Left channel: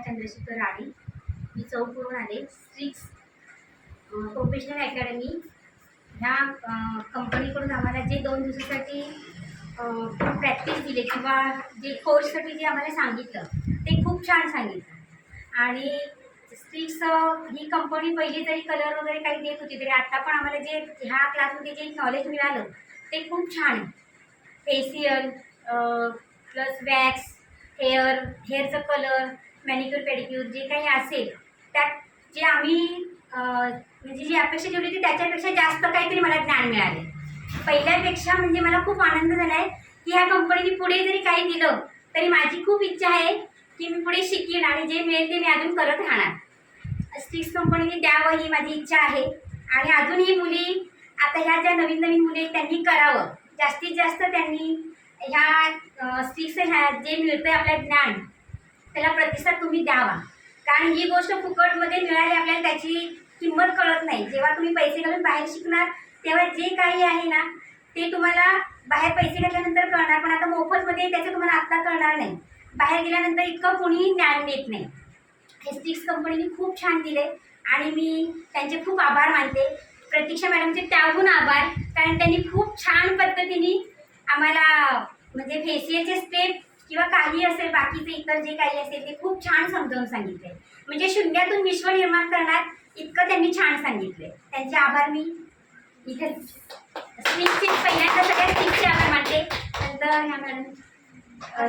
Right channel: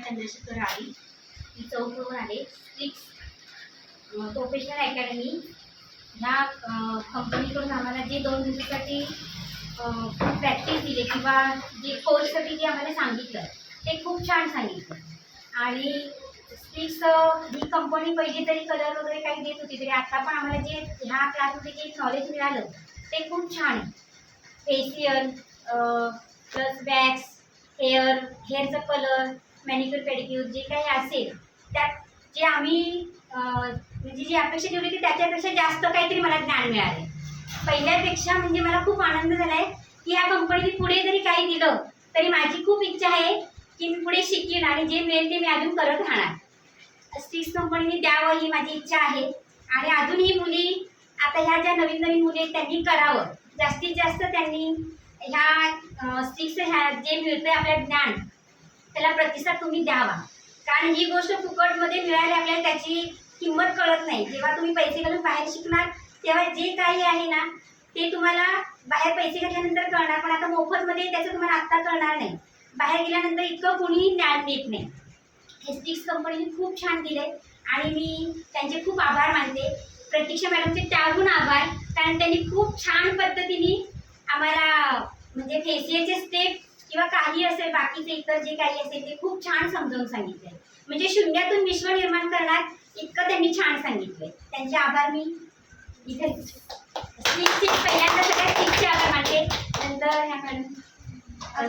चंद्रशेखर रावी, मी चौकवरून आले. स्ट्रिक्स professional academy ह्या कंपनीकडून आम्हाला जे 2 दिवसासाठी प्रॅक्टिस दिली किंवा जे कोर्ससाठी जे आम्हाला सांगितलं ते खूप छान सांगितलं. आणि स्ट्रिक्स ही कंपनी पहिली तरी कलर वगैरे काही देत होती, तरी आता पण आम्हाला जे ह्या क्लासमध्ये जे नॉलेज मिळालं ते खूप छान आहे. फेशियल प्लस वॅक्स, हेअरचा कलर, मॅनिक्युअर पेडिक्युअर जे काही असेल त्यात जे आम्ही म्हणजे जी अपेक्षा ठेवली होती त्याच्यापेक्षा जास्त काहीतरी मला ज्ञान मिळाले. पहिल्यापेक्षा म्हणजे मला खूप आनंद झाला आहे की ह्या कंपनीने पुढे जरी काही दिलं तरी माझी खूप इच्छा आहे की मी पुढे शिकेन आणि जे मिळेल ते मी अजून करत राहणार. स्ट्रिक्स कंपनीने द्यावं ही माझी इच्छा आहे. आणि अजूनही मुली आता ह्या ज्या नवीन नवीन मुली आहेत त्यांनी करावं, जास्तीत जास्त त्यांनी ह्या स्ट्रिक्स ह्या जे मिळतं आहे आपलं ज्ञान त्याला प्रतिसाद तुम्ही द्यावा. कारण ही गोष्ट फुकटमध्ये मिळाली आपल्याला त्याची किंमत कळत नाही. जेव्हा तुम्ही पैसे घालून बाहेर शिकणार तेव्हा जे काही आहे ना ते तुम्हाला बाहेर पैसे घातल्यानंतर कळणार, पण आता मोफतमध्ये त्याचं तुम्हाला आत्ता कळणार नाही. बाहेर गेल्यानंतर इतकं कोणीही ज्ञान देत नाही. हे स्ट्रिक्स कंपनीने खूप छान दिले आणि मी त्यांचे खूप आभार मानते. प्रतीक्षा मॅडमचे त्याहून आभार, कारण त्यांनी खूप छान पद्धतीने आम्हाला म्हणजे फेशियलचे स्टेप किंवा काही असेल बाकीचे इतर जे काही असेल ते खूप छान समजावून सांगितले. म्हणजे शून्यातून विश्व निर्माण करणार इतकं त्यांनी छान सांगितले. त्यांचे आभार मी इथे स्ट्रिक्सचे पहिल्यांदा सगळ्यात स्ट्रिक्सचे आभार मानते. नंतर ह्या मॅडम